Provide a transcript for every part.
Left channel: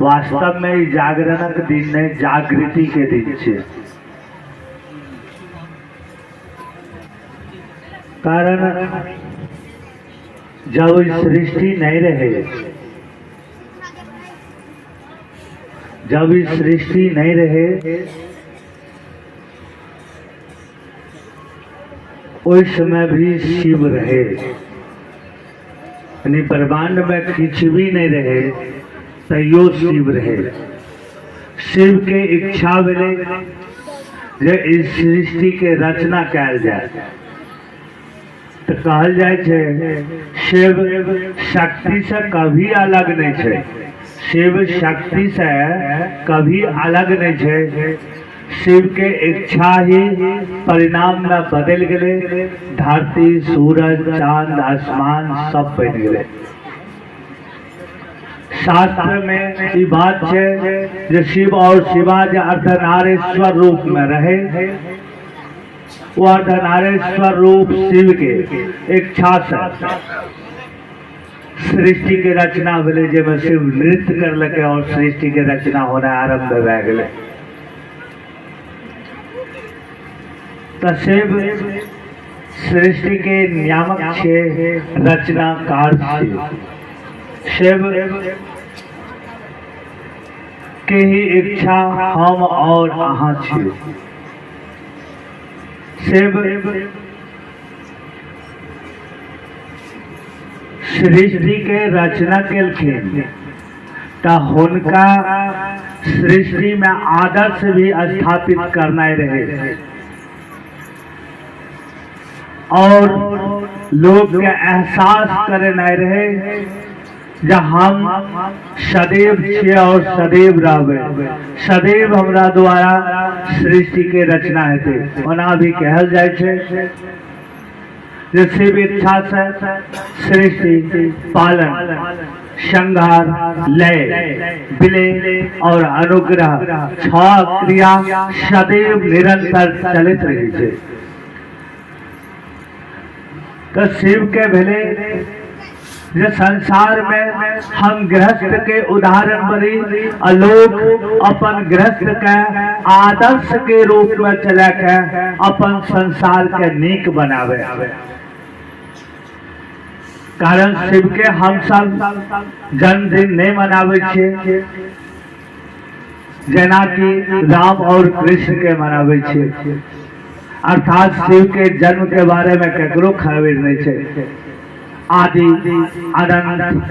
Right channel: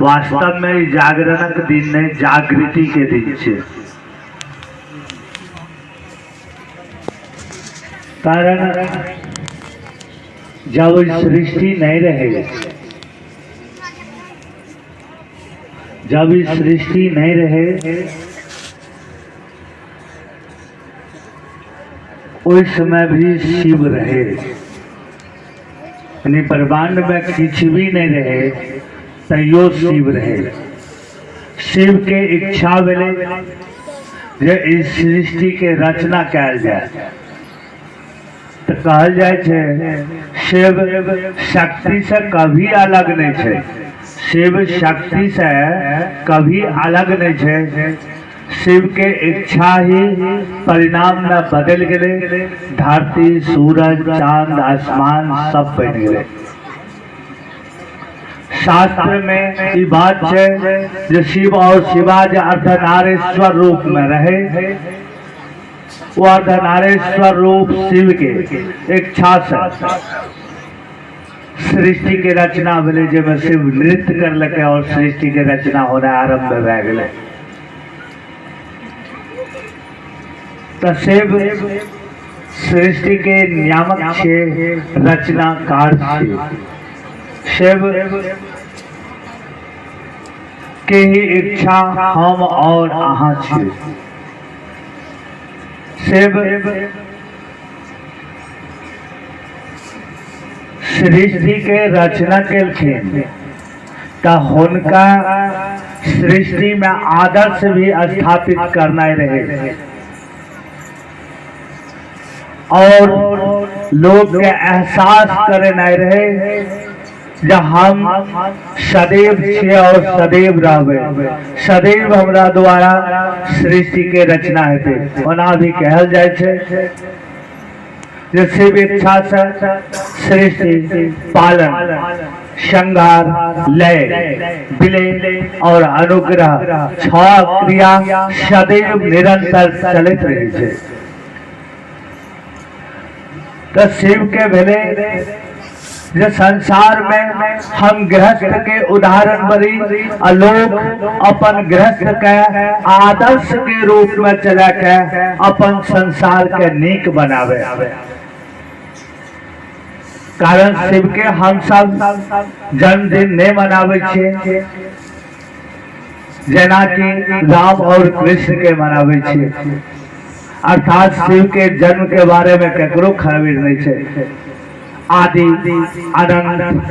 वास्तव में ई जागरणक दिन नहीं, जागृति के दिन छे। कारण जब सृष्टि नहीं रहे, जब इस सृष्टि नहीं रहे, उस समय भी शिव रहे। यानी ब्रह्मांड में कुछ भी नहीं रहे, तैयो शिव रहे। शिव के इच्छा भेले जे इस सृष्टि के रचना कैल जाए। तो कहल जाए छे शिव शक्ति से कभी अलग नहीं छे। शिव शक्ति से कभी अलग नहीं छे। शिव के इच्छा ही परिणाम में बदल गए। धरती, सूरज, चांद, आसमान सब बन गए। शास्त्र में ये बात है जो शिव और शिवा जो अर्धनारेश्वर रूप में रहे, वो अर्धनारेश्वर रूप शिव के इच्छा से सृष्टि के रचना भेले। जब शिव नृत्य कर लगे और सृष्टि के रचना होना आरंभ भए गेले। तो शिव सृष्टि के नियामक छे, रचनाकार छे। शिव के ही इच्छा हम और अहाँ छे। शिव सृष्टि के रचना केलखिन तो हुनका सृष्टि में आदर्श भी स्थापित करना रहे और लोग के एहसास करे नहीं रहे जब हम सदैव छे और सदैव रहबे। सदैव हमरा द्वारा सृष्टि के रचना हेते। ओना भी कहल जाय छे जे शिव इच्छा से सृष्टि, पालन, संहार, लय, विलय और अनुग्रह छह क्रिया सदैव निरंतर चलित रही छे। तो शिव के भेले जो संसार में हम गृहस्थ के उदाहरण बनी, लोग अपन गृहस्थ के आदर्श के रूप में चला के अपन संसार के नीक बनावे। कारण शिव के हम सब जन्मदिन नहीं मनावे छे, जना कि राम और कृष्ण के मनावे छे। अर्थात शिव के जन्म के बारे में केकरो खबर नहीं छे। आदि अनंत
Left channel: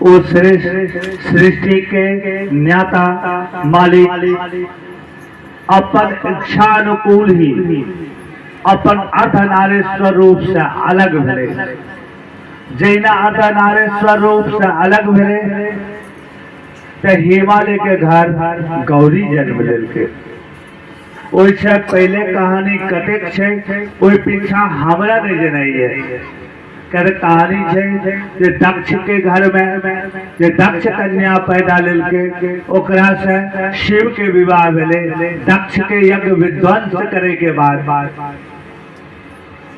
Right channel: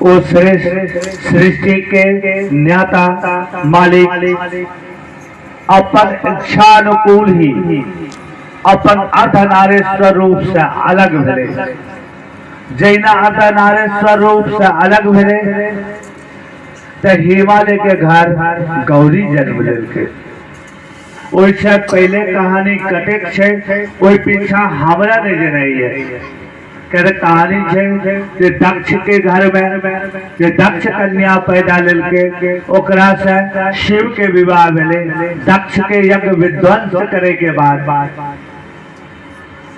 वो सृष्टि के न्याता मालिक अपन इच्छा अनुकूल ही अपन अर्धनारेश्वर रूप से अलग भेले। जैना अर्धनारेश्वर रूप से अलग भेले तो हिमालय के घर गौरी जन्म लेलके। ओइसे पहले कहानी कटेक छे, ओइ पीछा हमरा नहीं जनाई है। कहते कहानी छे जे दक्ष के घर में जे दक्ष कन्या पैदा लेलके, ओकरा से शिव के विवाह भेले। दक्ष के यज्ञ विध्वंस करे के बाद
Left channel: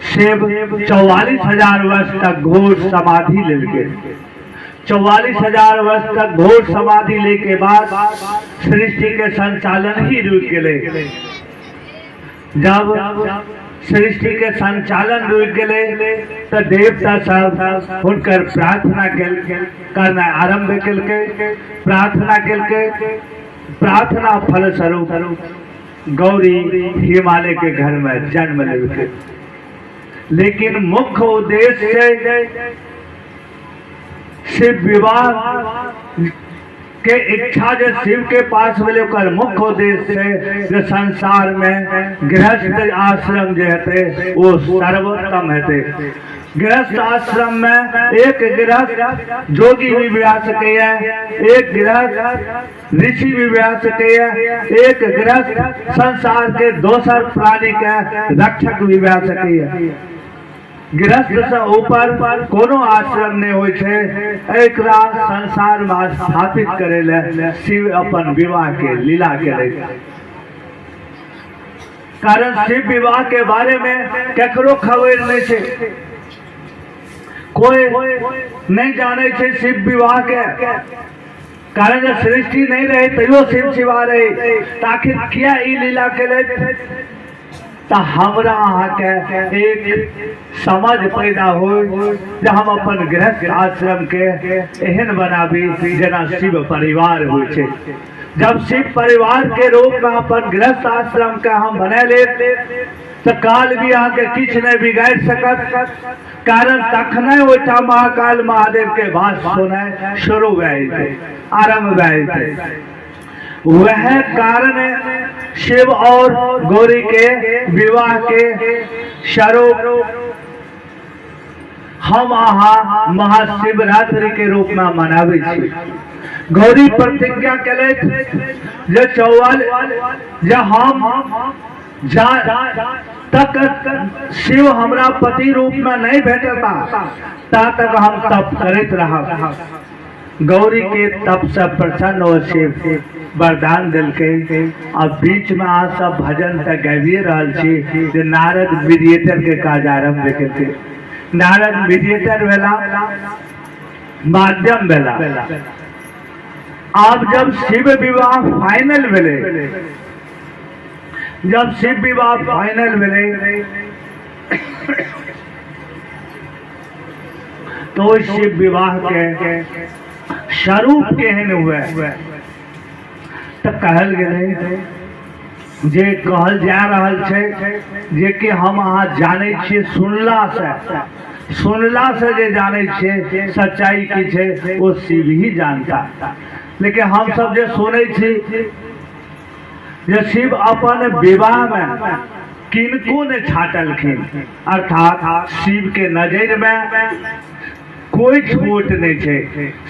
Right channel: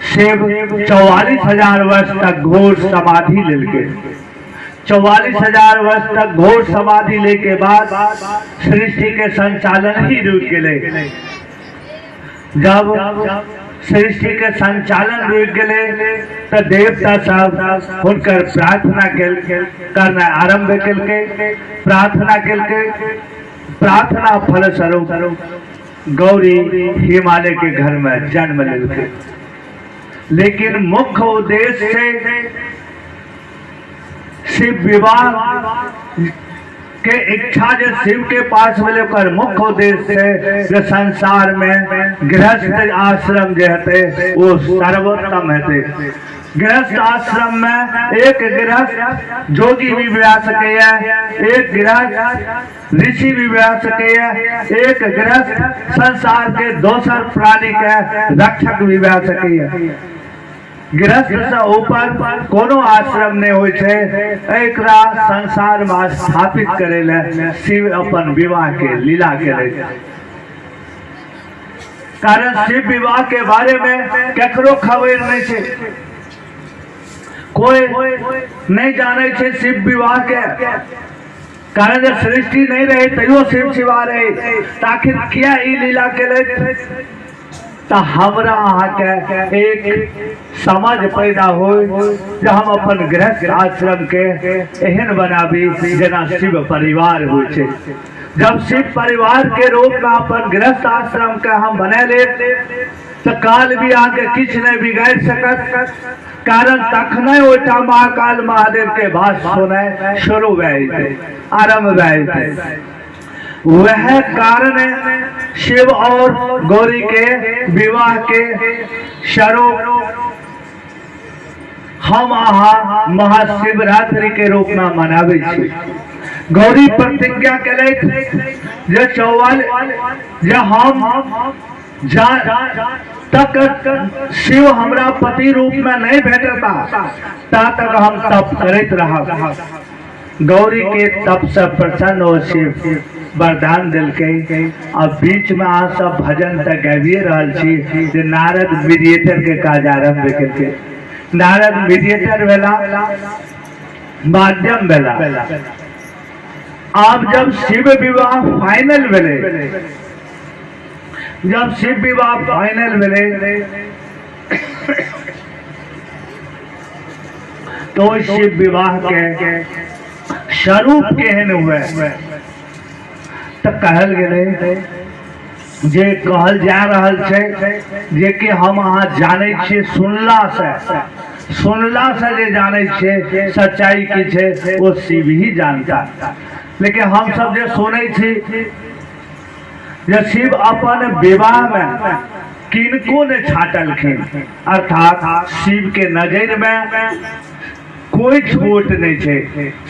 शिव 44,000 वर्ष तक घोर समाधि लेलके। 44,000 वर्ष तक घोर समाधि ले के बाद सृष्टि के संचालन ही रुक गए। जब सृष्टि के संचालन रुक गए तो देवता सब हुनकर प्रार्थना करना आरंभ केलके। प्रार्थना फल स्वरूप गौरी हिमालय के घर में जन्म लेलके। लेकिन मुख्य उद्देश्य शिव विवाह के इच्छा जो शिव के पास मिले, मुख्य उद्देश्य जो संसार में गृहस्थ आश्रम जो है वो सर्वोत्तम है। गृहस्थ आश्रम में एक गृहस्थ जोगी भी ब्याह सके, एक गृहस्थ ऋषि भी ब्याह सके, एक गृहस्थ संसार के दोसर प्राणी के रक्षक भी ब्याह सके। गृहस्थ से ऊपर कोनो आश्रम नहीं होय छे। एकरा संसार में स्थापित करेले शिव अपन विवाह के लीला करे। कारण शिव विवाह के बारे में केकरो खबर नहीं छे। कोई नहीं जाने छे शिव विवाह के कारण जब सृष्टि नहीं रहे तैयो शिव शिवा रहे आखिर क्या ई लीला के तो हमरा अहाँ के एक समझ पैदा हो जे हम अपन गृहस्थ आश्रम के एहन बनाबी जेना शिव परिवार हो छे। जब शिव परिवार के रूप में अपन गृहस्थ आश्रम के हम बना ले तो काल भी आके किछ नहीं बिगाड़ सकत कारण तखने ओटा महाकाल महादेव के भाषण सुने शुरू भए आरंभ भए वह कारण शिव और गौरी के विवाह के स्वरूप हम अहाँ महाशिवरात्रि के रूप में मनावे छी। गौरी प्रतिज्ञा केले जे 44 जे हम तक शिव हमरा पति रूप में नहीं भेटता ता तक हम तप करत रहा। गौरी के तप से प्रसन्न हो शिव वरदान दिल के अब बीच में आ सब भजन तक गाबिए रहल छी जे नारद मीडिएटर के काज आरंभ करते। नारद मीडिएटर वेला माध्यम वेला आप जब शिव विवाह फाइनल भेले जब शिव विवाह फाइनल भेले तो शिव विवाह के स्वरूप केहन हुए तो कहल गेले जे कहल जा रहल छे जे कि हम अहाँ जाने छे सुनला से जे जाने छे सच्चाई की छे वो शिव ही जानता। लेकिन हम सब जे सुने छी जे शिव अपन विवाह में किनको ने छाटलखिन अर्थात शिव के नजर में कोई छोट नहीं छे,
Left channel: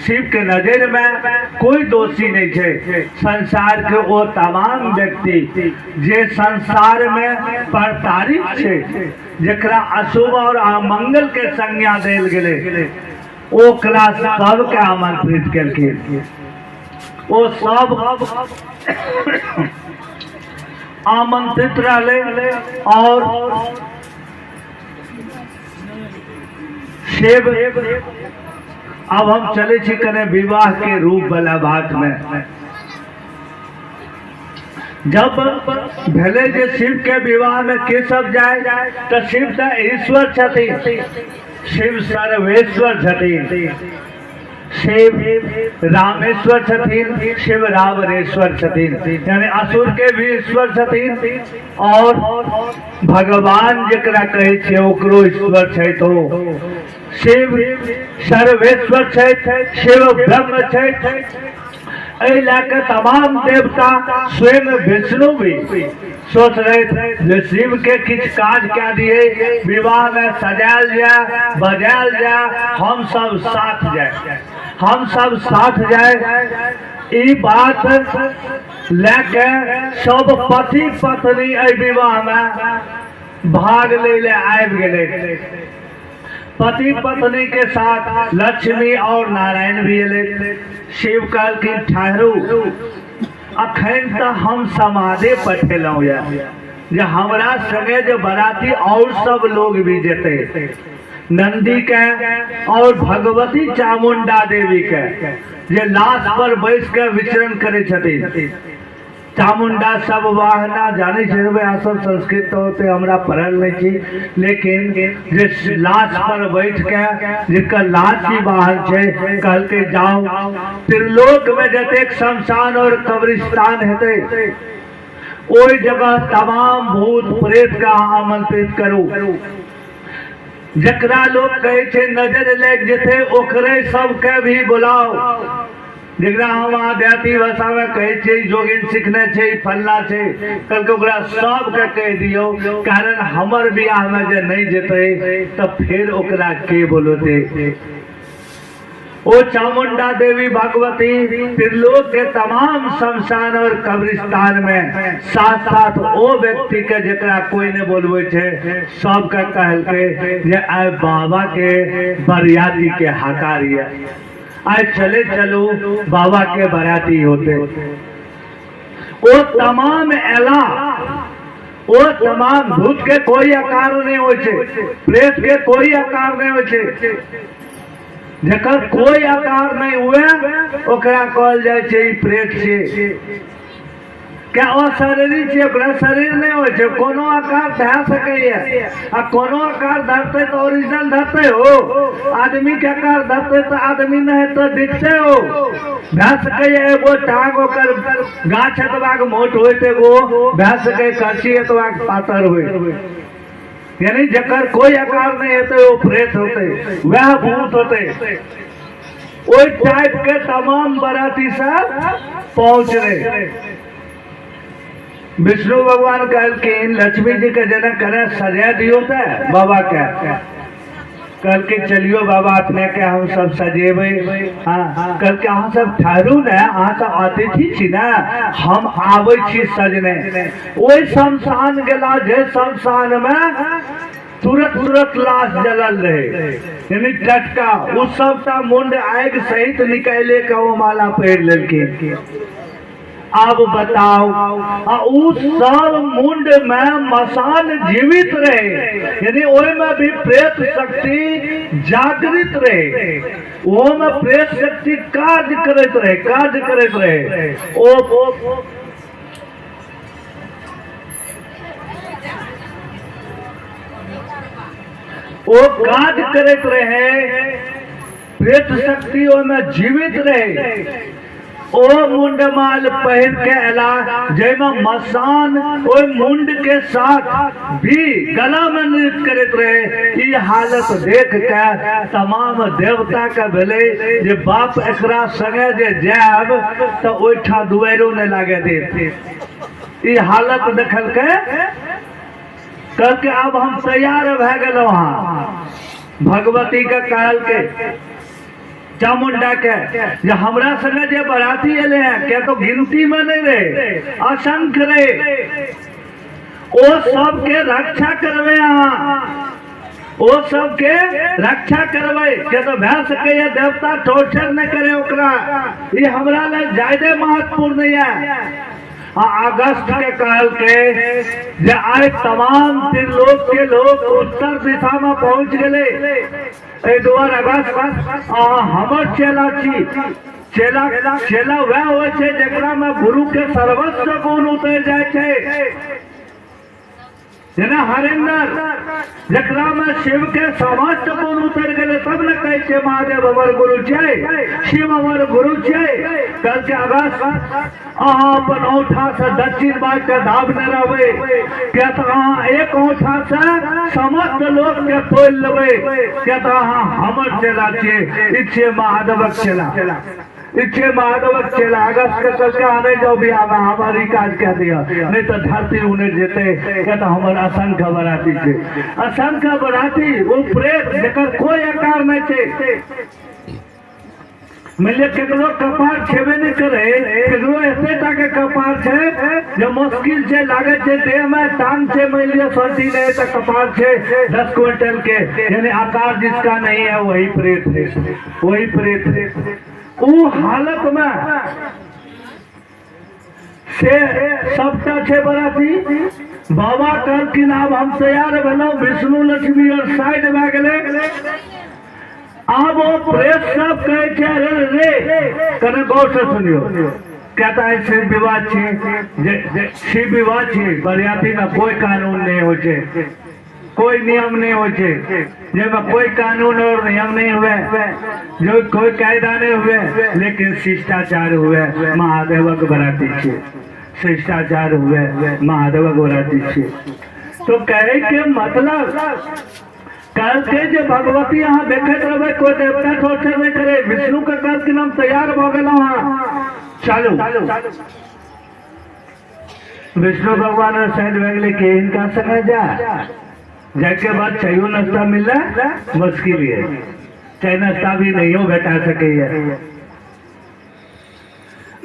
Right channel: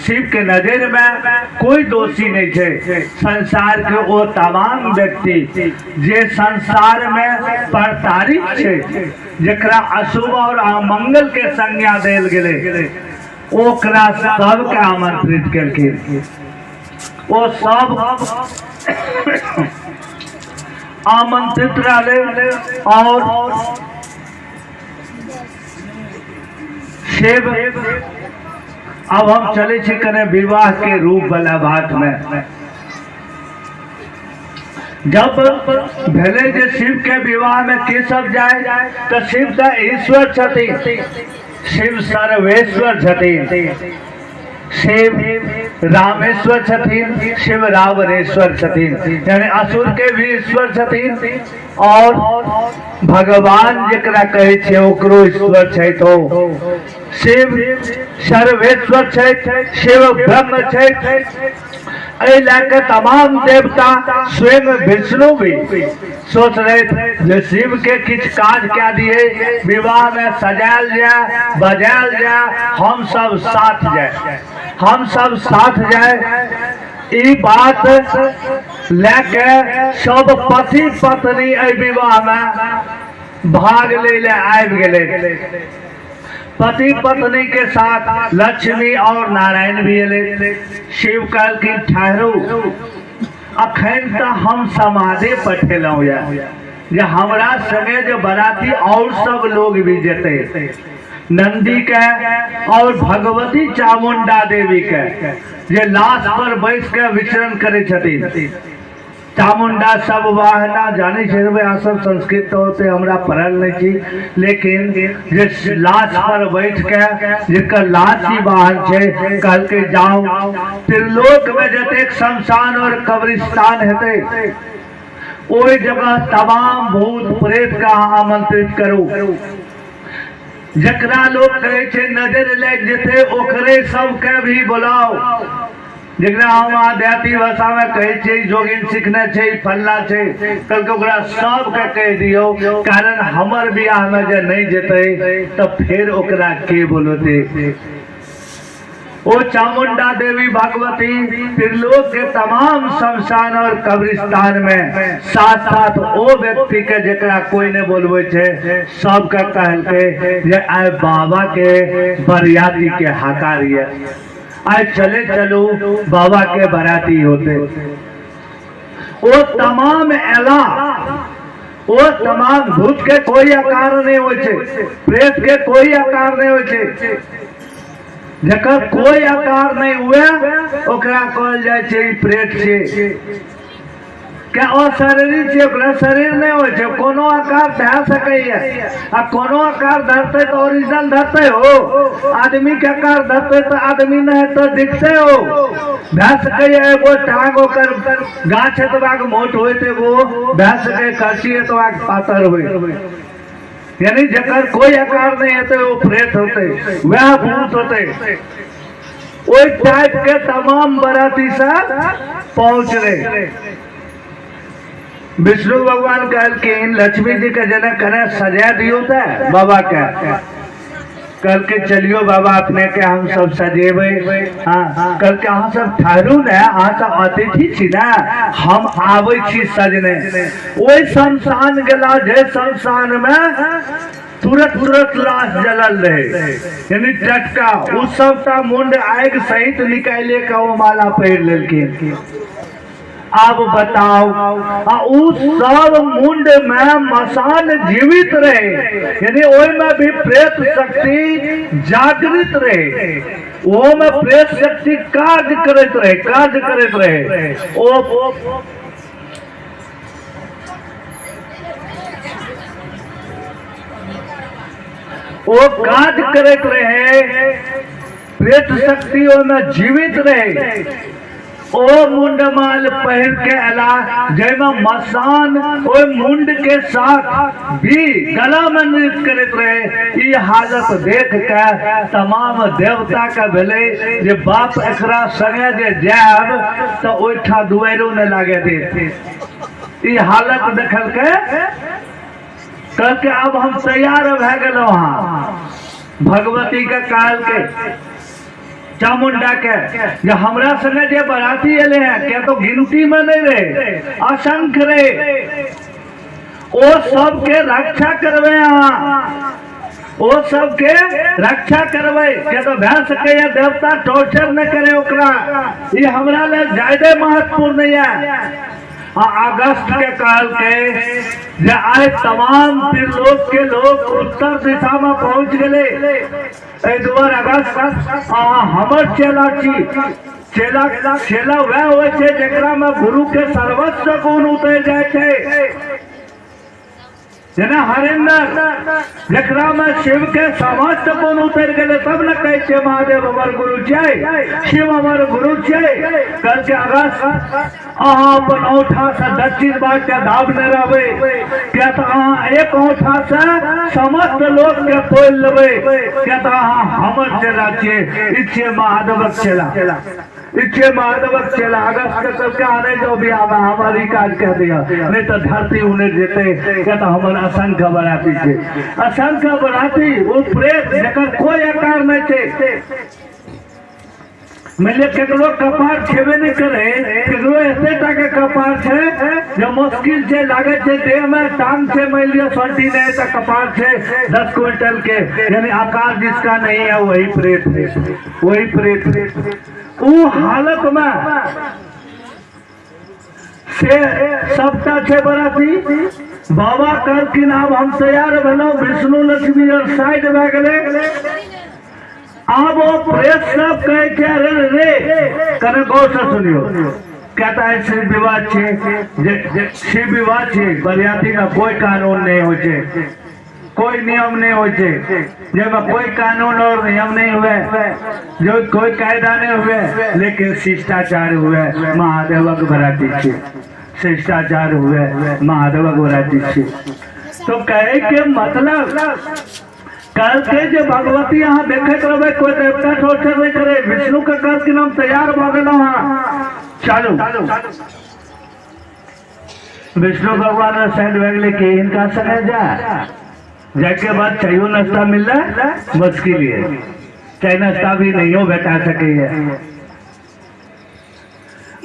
शिव के नजर में कोई दोषी नहीं छे। संसार के वो तमाम व्यक्ति जे संसार में प्रताड़ित छे जकरा अशुभ और अमंगल के संज्ञा देल गेले ओकरा सब के आमंत्रित केलखिन। वो सब आमंत्रित रहले और शिव अब हम चले छी कने विवाह के रूप वाला बात में। जब भले जे शिव के विवाह में के सब जाए तो शिव तो ईश्वर छथिन, शिव सर्वेश्वर छथिन, शिव रामेश्वर छथिन, शिव रावणेश्वर छथिन यानी असुर के भी ईश्वर छथिन और भगवान जकरा कहे छे ओकरो ईश्वर छै। तो शिव सर्वेश्वर छै, शिव ब्रह्म छै। ऐ लेके तमाम देवता स्वयं विष्णु भी सोच रहे थे जे शिव के किछ काज क्या दिए विवाह में सजायल जाए बजायल जाए हम सब साथ जाए। ई बात लेके सब पति पत्नी ऐ विवाह में भाग ले आबि गेले। पति पत्नी के साथ लक्ष्मी और नारायण भी अले। शिव कहलखिन ठहरो अखन तो हम समाधि पठेलौ जे हमरा संगे जो बराती और सब लोग भी जेते नंदी के और भगवती चामुंडा देवी के जे लाश पर बैस के विचरण करे छथिन। चामुंडा सब वाहना जाने छे सब संस्कृत होते हमरा पढ़ल नहीं छी लेकिन जे लाश पर बैठ के जिनकर लाश ही वाहन छे कल के जाओ त्रिलोक में जतेक शमशान और कब्रिस्तान हेते ओई जगह तमाम भूत प्रेत का आमंत्रित करो। जकरा लोग कहे छे नजर लग जेते ओकरे सबके भी बुलाओ। जकरा हम आध्यात्मिक भाषा में कहे छे जोगिन सीखने छे फलना छे कल के ओकरा सब के कह दियो कारण हमर बियाह में जे नहीं जेते तो फिर ओकरा के बोलते। ओ चामुंडा देवी भगवती त्रिलोक के तमाम शमशान और कब्रिस्तान में साथ साथ ओ व्यक्ति के जकरा कोई ने बोलबे छे सब के कहलके जे आय बाबा के बरियाती के हकारिया आज चले चलो बाबा के बराती होते। वो तमाम एला वो तमाम भूत के कोई आकार नहीं हो छे, प्रेत के कोई आकार नहीं हो छे। जकर कोई आकार नहीं हुए ओकरा कहल जाय छे प्रेत छे। क्या अशरीरी छे, ओकरा शरीर नहीं हो छे, कोनो आकार धर सकैया। आ कोनो आकार धरते तो ओरिजिनल धरते हो, आदमी के आकार धरते तो आदमी नहीं तो दिखते हो। धर सकैया एगो टांग ओकर गाछ एतबाक मोट होइत, एगो धर सकै करछी एतबाक पातर होइत। यानी जकर कोई आकार नहीं होते वो प्रेत होते, वह भूत होते। ओई टाइप के तमाम बराती सब पहुंच रहे। विष्णु भगवान कहलकिन लक्ष्मी जी का जनक करे सजा दियो था बाबा का। कल के चलियो बाबा अपने के हम सब सजेबे। हाँ कल के अहाँ सब ठहरू ने, अहाँ सब अतिथि छी ना, हम आवे छी सजने। ओई शमशान गेला जे शमशान में तुरत लाश जलल रहे, यानी टटका। उस सबटा मुंड आग सहित निकाले का वो माला पहिर लेलकिन। अब बताओ उस सब मुंड में मसान जीवित रहे, यानी ओय में भी प्रेत शक्ति जागृत रहे। वो में प्रेत शक्ति कार्य करत रहे। वो कार्य करत रहे, प्रेत शक्ति में जीवित रहे। ओ मुंडमाल पहन के अला जैमा मसान ओ मुंड के साथ भी गला में नृत्य करते रहे। ये हालत देख के तमाम देवता का भेले जे बाप एकरा संगे जे जाब तो ओठा दुआरो ने लागे दे। ये हालत देखल के कल के अब हम तैयार भए गेलौ। भगवती के काल के चामुंडा के जे हमरा संगे जे बराती एले हैं क्या तो गिनती में नहीं रहे, असंख्य रहे। ओ सबके रक्षा करवे, ओ सबके रक्षा करवे क्या तो भै सके देवता टॉर्चर न करे ओकरा। ये हमरा ले ज्यादा महत्वपूर्ण नहीं है। अगस्त के काल के जे आए तमाम त्रिलोक के लोग उत्तर दिशा में पहुंच गए। 2 अगस्त हमर चेला छी। चेला वह हो जरा में गुरु के सर्वस्व गुण उतर जाए। जना हरिंदर जकरा में शिव के समस्त गुण उतर गए, तब न कहे महादेव हमार गुरु जय, शिव हमार गुरु जय। कल के अगस्त अपन औठा से दक्षिण बाट के धाव न रहे, क्या तो एक औठा से समस्त लोग के तोल लेवे। क्या तो हमर चेला छे, इच्छे महादेवक चेला, इच्छे महादेवक चेला। अगस्त के कल के आने जो भी आवा हमारी काज कह दिया, नहीं तो धरती उन्हें जेते। क्या तो हमार असंख्य बराती छे, असंख्य बराती। वो प्रेत जकर कोई आकार नहीं छे। मिले केकरो कपार छेबे नहीं करे, केकरो एतेटा के कपार छे जो मुश्किल छे, लागे छे देह में टांग छे मान लिया सर्दी नहीं तो कपार छे 10 क्विंटल के, यानी आकार जिसका नहीं है वही प्रेत है, वही प्रेत है। वो हालत में से सबका छे बराती। बाबा कहलखिन अब हम तैयार भेलौ, विष्णु लक्ष्मी और साइड में गए। अब वो प्रेत सब कहे रे कने गौर से सुनियो, कहता है शिव विवाह छे, शिव विवाह छे, बरियाती में कोई कानून नहीं हो छे, कोई नियम नहीं हो छे, जेमा कोई कानून और नियम नहीं हुए, जो कोई कायदा नहीं हुए, लेकिन शिष्टाचार हुए। महादेवक बराती छे, शिष्टाचार हुए, महादेवक बराती छे। तो कहे के मतलब कल के जो भगवती यहाँ देखते रहे, कोई देवता टॉर्चर नहीं करे। विष्णु का कल के नाम तैयार हो गए चालू। विष्णु भगवान साइड भगले के इनका समय जाके बाद चाहिए नाश्ता मिल रहा मुश्किल है, चाहे नाश्ता भी नहीं हो बेटा सके।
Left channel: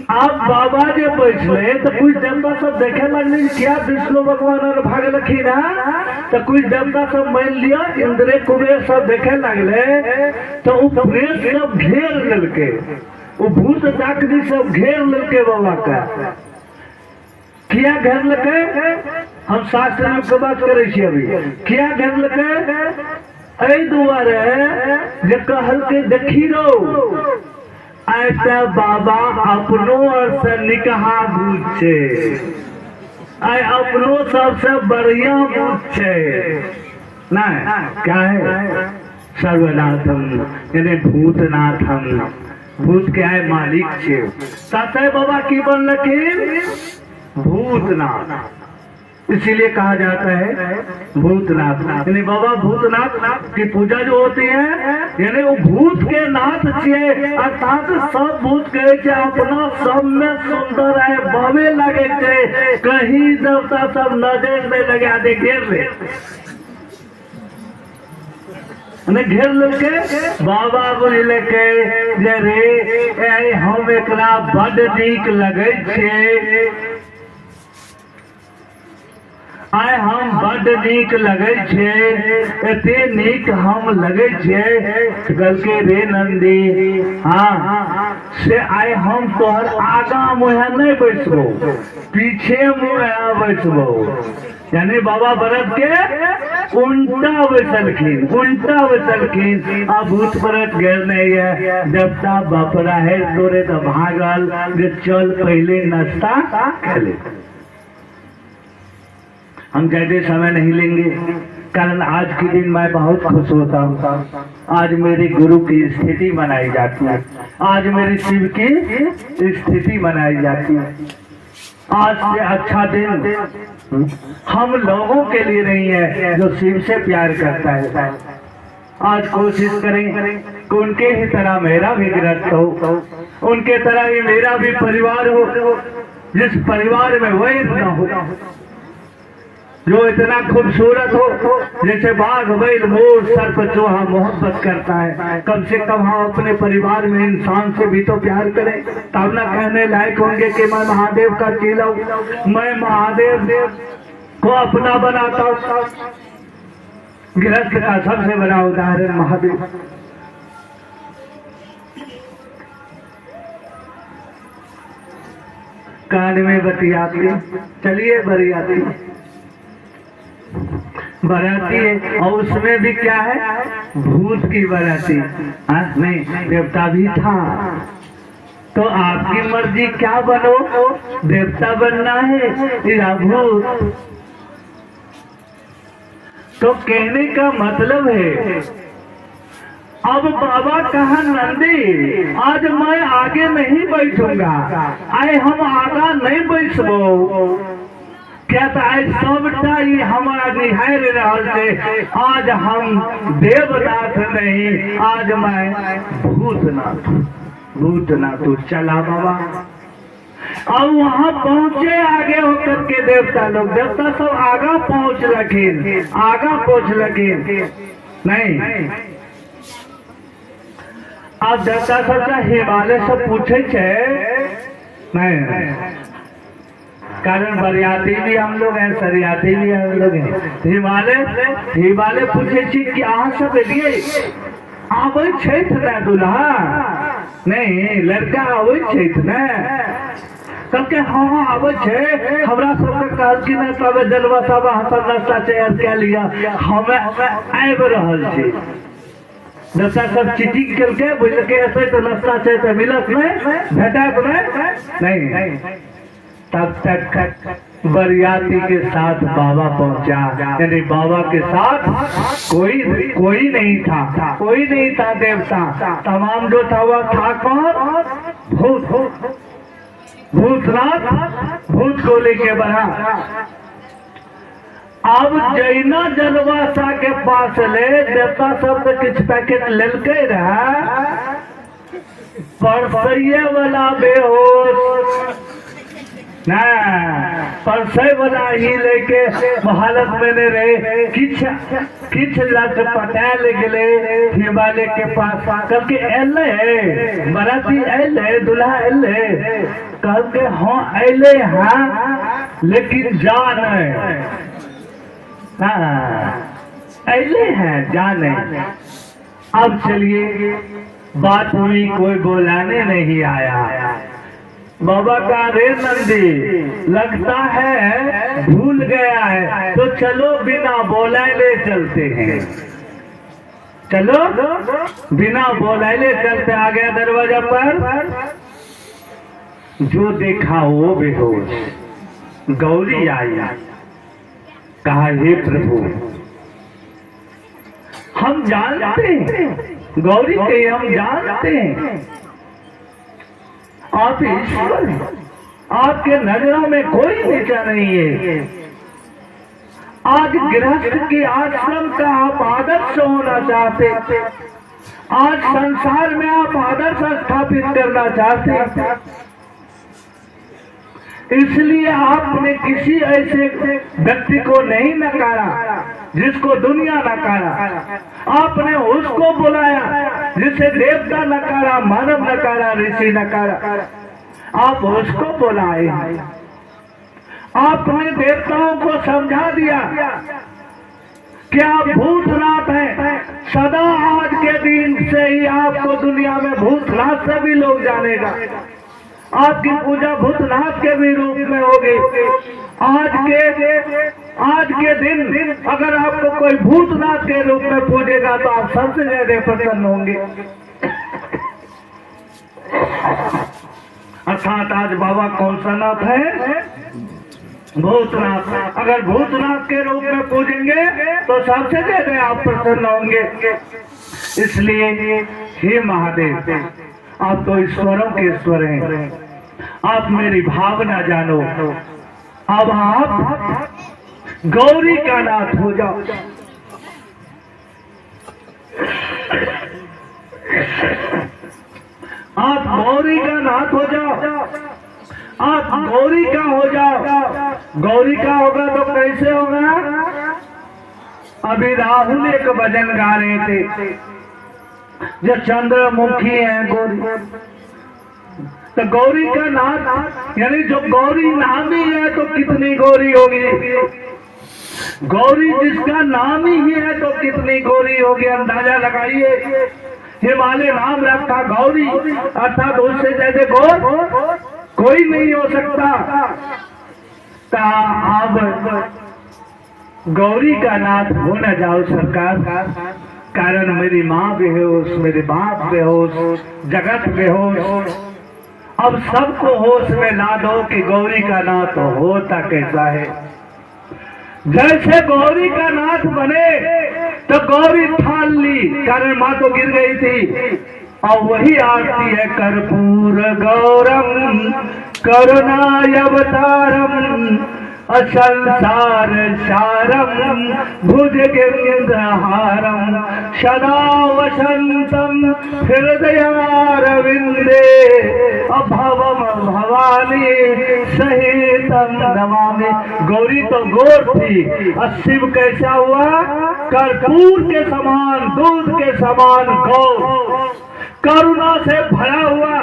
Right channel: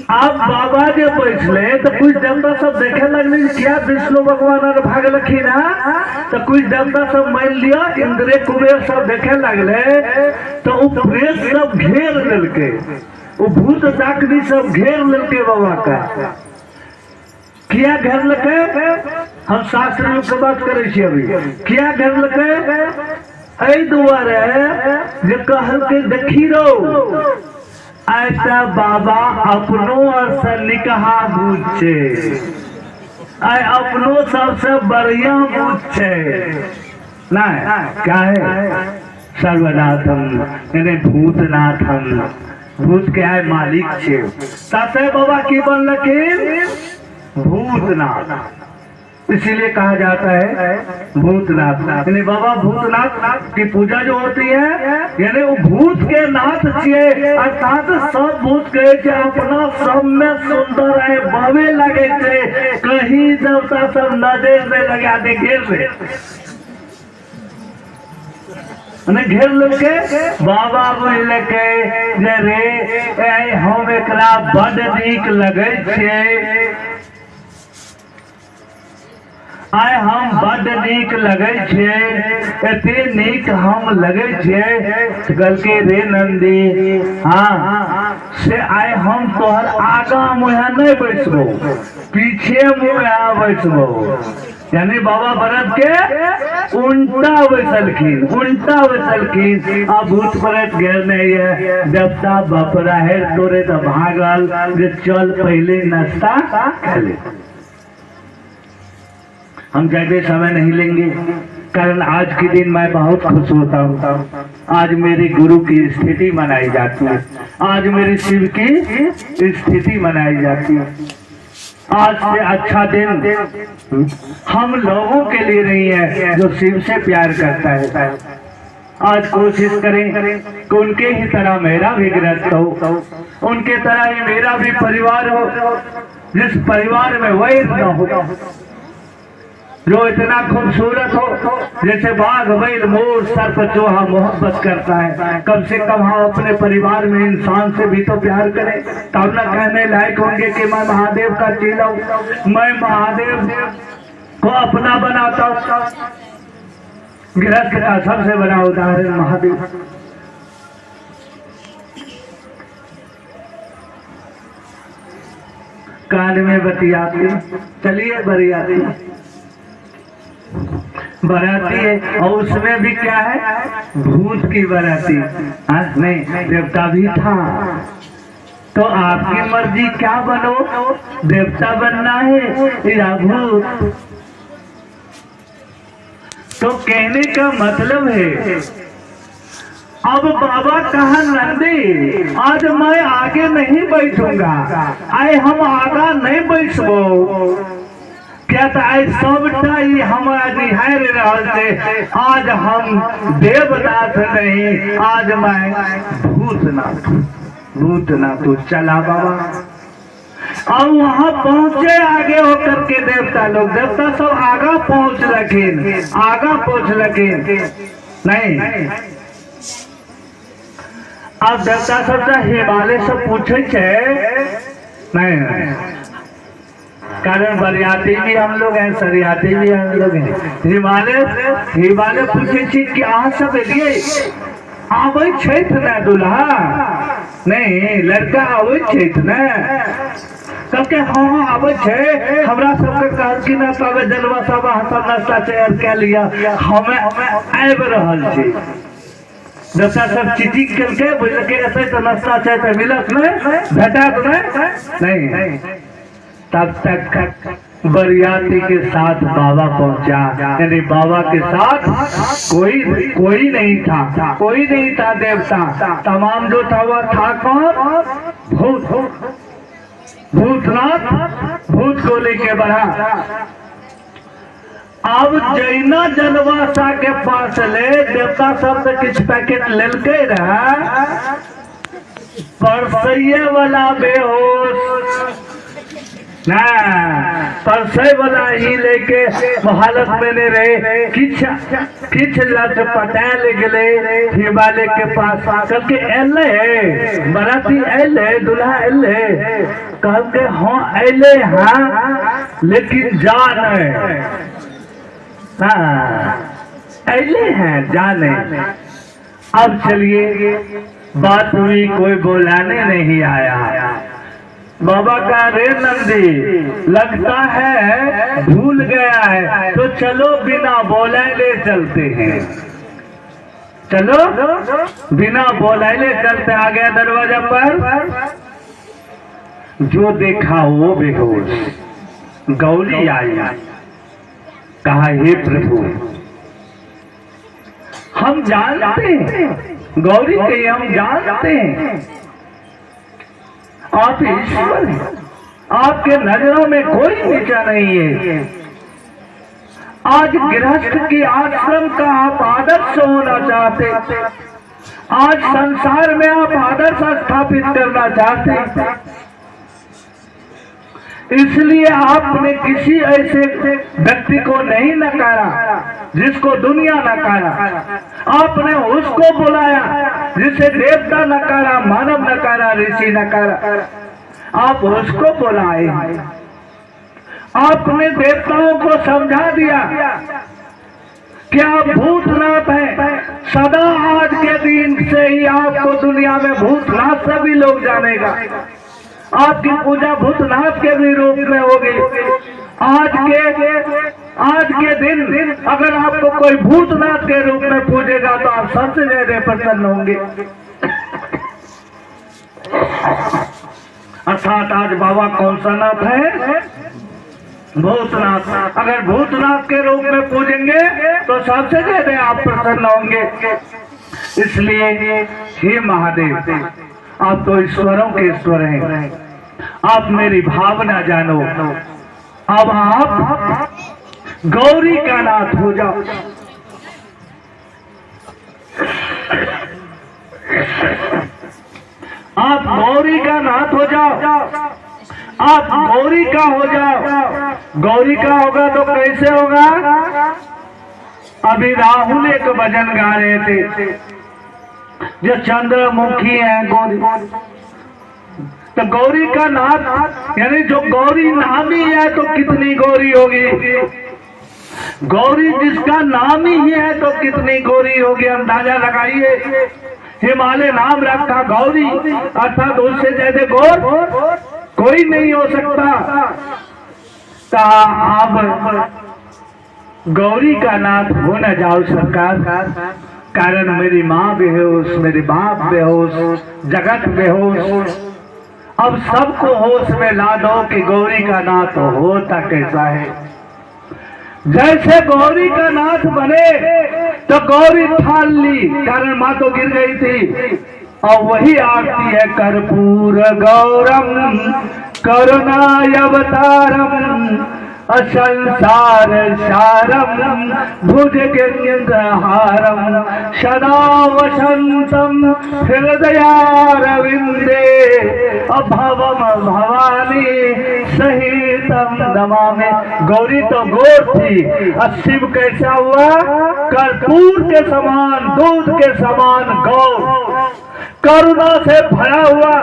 अब बाबा जे बैठले तो कुछ देवता सब देखे लगले क्या विष्णु भगवान और भाग लखी ना, तो कुछ देवता सब मान लिया इंद्र कुबेर सब देखे लगले। तो वो प्रेत सब घेर लेलके, वो भूत डाकनी सब घेर लेलके बाबा का। क्या घेर लके हम शास्त्र में के बात करे छी अभी क्या घेरलकै एहि दुआरे जे कहलकै देखी रहो ऐसा बाबा अपनो और से निकहा भूत छे आय अपनो सबसे बढ़िया भूत छे ना क्या है सर्वनाथम यानी भूतनाथम भूत के है मालिक छे साथे बाबा की बनलखिन भूतनाथ इसीलिए कहा जाता है भूतनाथ यानी बाबा भूतनाथ की पूजा जो होती है यानी वो भूत के नाथ छे अर्थात सब भूत कहे छे अपना सब में सुंदर है बाबे लगे छे कहीं देवता सब नजर में लगा दे घेर लेके बाबा बुझलकै जे रे हम एकरा बड़ नीक लगे छे आय हम बड़ नीक लगे छे एते नीक हम लगे छे कहलकै रे नंदी हाँ से आय हम तोहर आगा मुँह नहीं बैसबो पीछे मुँह बैसबो यानी बाबा व्रत के उल्टा बैसलखिन आ भूत व्रत घेर नहीं है देवता बपरा है तोरे तो भागल जे चल पहले नाश्ता कर ले हम ज्यादा समय नहीं लेंगे कारण आज के दिन मैं बहुत खुश होता हूँ आज मेरे गुरु की स्थिति मनाई जाती है आज मेरे शिव की स्थिति मनाई जाती है आज से अच्छा दिन हम लोगों के लिए नहीं है जो शिव से प्यार करता है आज कोशिश करें कि उनके ही तरह मेरा भी गृहस्थ हो उनके तरह ही मेरा भी परिवार हो जिस परिवार में वैर न हो जो इतना खूबसूरत हो जैसे बाघ बैल मोर सर्प चूहा मोहब्बत करता है कम से कम हम अपने परिवार में इंसान से भी तो प्यार करें तब न कहने लायक होंगे कि मैं महादेव का चेला हूं मैं महादेव को अपना बनाता हूं गृहस्थ का सबसे बड़ा उदाहरण महादेव कान में बतियाती चलिए बरियाती बराती है और उसमें भी क्या है भूत की बराती नहीं देवता भी था तो आपकी मर्जी क्या बनो देवता बनना है या भूत तो कहने का मतलब है अब बाबा कहा नंदी आज मैं आगे नहीं बैठूंगा आए हम आगा नहीं बैठबो क्या था सबटा हमारा निहार रहल से आज हम देवनाथ नहीं आज मैं भूतनाथ चला बाबा अब वहां पहुंचे आगे होकर के देवता सब आगा पहुंच लखीन नहीं अब देवता सब हिमालय से पूछे नहीं कारण बरियाती भी हम लोग हैं सरियाती भी हम लोग हैं हिमालय पूछे छी कि अहाँ सब एलिए आबै छैथ ना दुल्हा नहीं लड़का आबै छैथ ना सबके हाँ आबै छै हमरा सबके कहलखिन है तबे जलवा सब हम नाश्ता तैयार कए लिया हमें आबि रहल छी जैसा सब चीटिंग करके बुझलके ऐसे तो नाश्ता चाहिए मिलत नहीं भेटत नहीं तब तक बरियाती के साथ बाबा पहुंचा यानी बाबा के साथ कोई नहीं था देवता तमाम जो था वह था कौन भूतनाथ भूत को लेके बढ़ा अब जैना जनवासा के पास ले देवता सब तो किछ पैकेट लेलके रहा परसैये वाला बेहोश ना परसे वाला ही लेके हालत में नहीं रहे किछ लट पटाल गए हिमालय के पास करके एले बराती एले दूल्हा एले कह के हाँ एले हाँ लेकिन जान एले हैं जाने अब चलिए बात हुई कोई बुलाने नहीं आया बाबा का रे नंदी लगता है भूल गया है, तो चलो बिना बोले ले चलते हैं, चलो बिना बोले ले चलते। आ गया दरवाजा पर, जो देखा वो बेहोश, गौरी आई, कहा हे प्रभु हम जानते हैं, गौरी के हम जानते हैं आप ईश्वर हैं, आपके नजरों में कोई नीचा नहीं है। आज गृहस्थ के आश्रम का आप आदर्श होना चाहते, आज संसार में आप आदर्श स्थापित करना चाहते, इसलिए आपने किसी ऐसे व्यक्ति को नहीं नकारा जिसको दुनिया नकारा, आपने उसको बुलाया जिसे देवता नकारा, मानव नकारा, ऋषि नकारा, आप उसको बुलाए। आपने देवताओं को समझा दिया कि आप भूतनाथ हैं, सदा आज के दिन से ही आपको दुनिया में भूतनाथ सभी लोग जानेगा, आपकी पूजा भूतनाथ के भी रूप में होगी। आज के दिन अगर आपको कोई भूतनाथ के रूप में पूजेगा तो आप सबसे ज्यादा प्रसन्न होंगे। अर्थात आज बाबा कौन सा नाथ है? भूतनाथ। अगर भूतनाथ के रूप में पूजेंगे तो सबसे ज्यादा आप प्रसन्न होंगे। इसलिए हे महादेव, आप तो ईश्वरों के ईश्वर हैं, आप मेरी भावना जानो। अब आप गौरी का नाथ हो जाओ। आप गौरी का नाथ हो जाओ, आप गौरी का हो जाओ। गौरी का होगा तो कैसे होगा? अभी राहुल एक भजन गा रहे थे, जो चंद्रमुखी है गौरी, तो गौरी का नाथ यानी जो गौरी नाम ही है तो कितनी गौरी होगी। गौरी जिसका नाम ही है तो कितनी गौरी होगी, अंदाजा लगाइए। हिमालय नाम रखा गौरी, अर्थात उससे ज्यादा गौर कोई नहीं हो सकता। अब गौरी का नाथ हो न जाओ सरकार, कारण मेरी माँ बेहोश, मेरे बाप बेहोश, जगत बेहोश। अब सबको होश में ला दो कि गौरी का नाथ होता कैसा है। जैसे गौरी का नाथ बने तो गौरी ठान ली, कारण माँ तो गिर गई थी, और वही आरती है कर्पूर गौरम करुणावतारम असंसार सारम भुजगेन्द्रहारम सदा वसंतम हृदयारविंदे अभवम भवानी सहितम नमामि। गौरी तो गौर थी, और शिव कैसा हुआ? कर्पूर के समान, दूध के समान गौर, करुणा से भरा हुआ।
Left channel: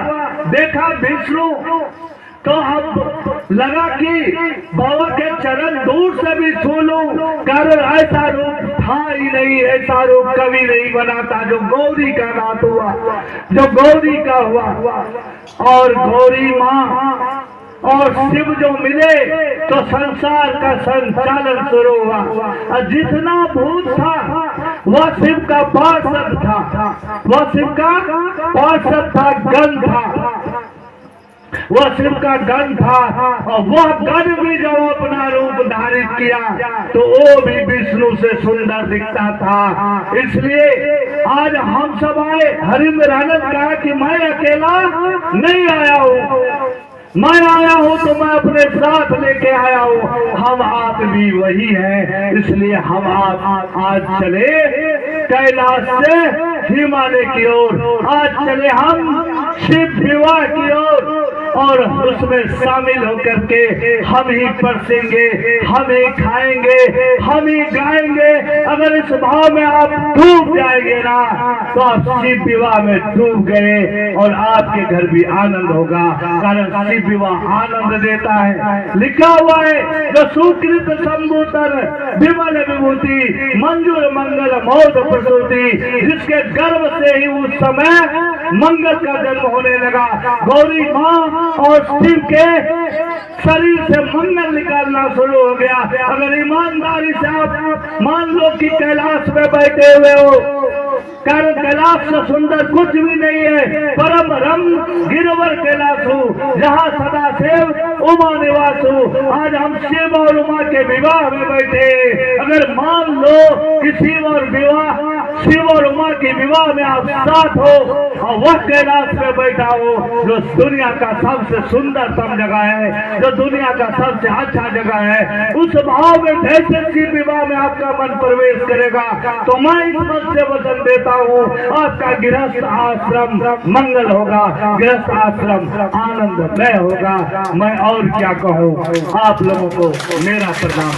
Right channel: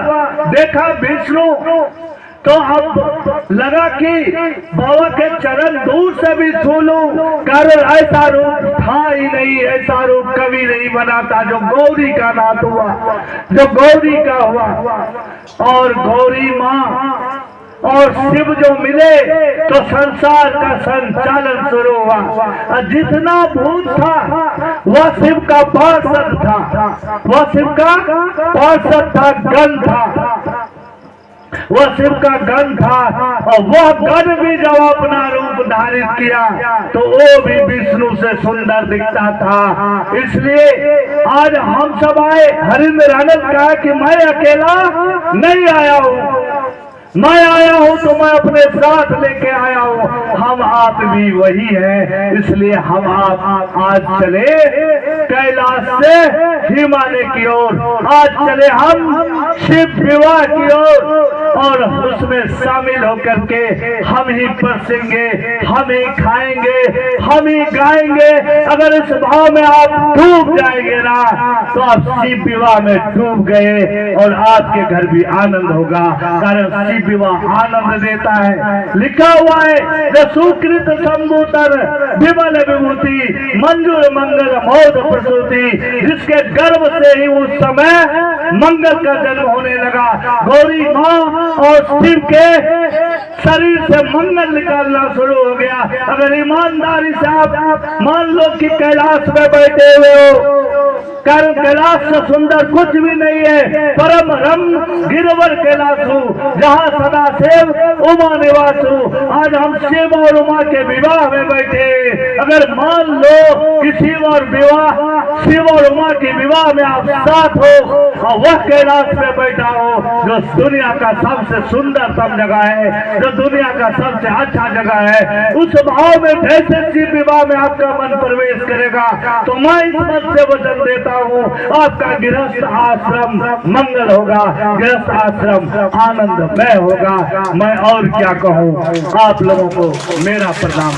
देखा विष्णु तो अब लगा कि बाबा के चरण दूर से भी छू लूं, कारण ऐसा रूप था ही नहीं, ऐसा रूप कभी नहीं बना था जो गौरी का नाथ हुआ, जो गौरी का हुआ। और गौरी माँ और शिव जो मिले तो संसार का संचालन शुरू हुआ। और जितना भूत था वह शिव का पार्षद था, वह शिव का पार्षद था, गण था, वह शिव का गण था। और वह गण भी जब अपना रूप धारित किया तो वो भी विष्णु से सुंदर दिखता था। इसलिए आज हम सब आए। हरिंद्र आनंद कहा कि मैं अकेला नहीं आया हूँ, मैं आया हूँ तो मैं अपने साथ लेके आया हूँ। हम आप भी वही हैं, इसलिए हम आप आज चले कैलाश से हिमालय की ओर, आज चले हम शिव विवाह की ओर, और उसमें शामिल होकर के हम ही परसेंगे, हम ही खाएंगे, हम ही गाएंगे। अगर इस भाव में आप डूब जाएंगे ना तो आप शिव विवाह में डूब गए, और आपके घर भी आनंद होगा, कारण शिव विवाह आनंद देता है। लिखा हुआ है जो सुकृत संभूतर विमल विभूति मंजूर मंगल मौत प्रसूति, जिसके गर्भ से ही उस समय मंगल का जन्म होने लगा। गौरी माँ और शिव के शरीर से मंगल निकालना शुरू हो गया। अगर ईमानदारी से आप मान लो कि कैलाश में बैठे हुए हो, कैलाश से सुंदर कुछ भी नहीं है, परम रम गिरवर कैलाश हूँ, जहाँ सदा शिव उमा निवास हूँ। आज हम शिव और उमा के विवाह में बैठे, अगर मान लो कि शिव और उमा के विवाह में आप साथ हो और वह कैलाश में बैठा हो जो दुनिया का सबसे सुंदरतम जगह है, जो दुनिया का सबसे अच्छा जगह है, उस भाव में कैसे शिव विवाह में आपका मन प्रवेश करेगा? तो मैं इस मत से वचन देता हूँ, आपका गृहस्थ आश्रम मंगल होगा, गृहस्थ आश्रम आनंदमय होगा। मैं और क्या कहूँ, आप लोगों को मेरा प्रणाम।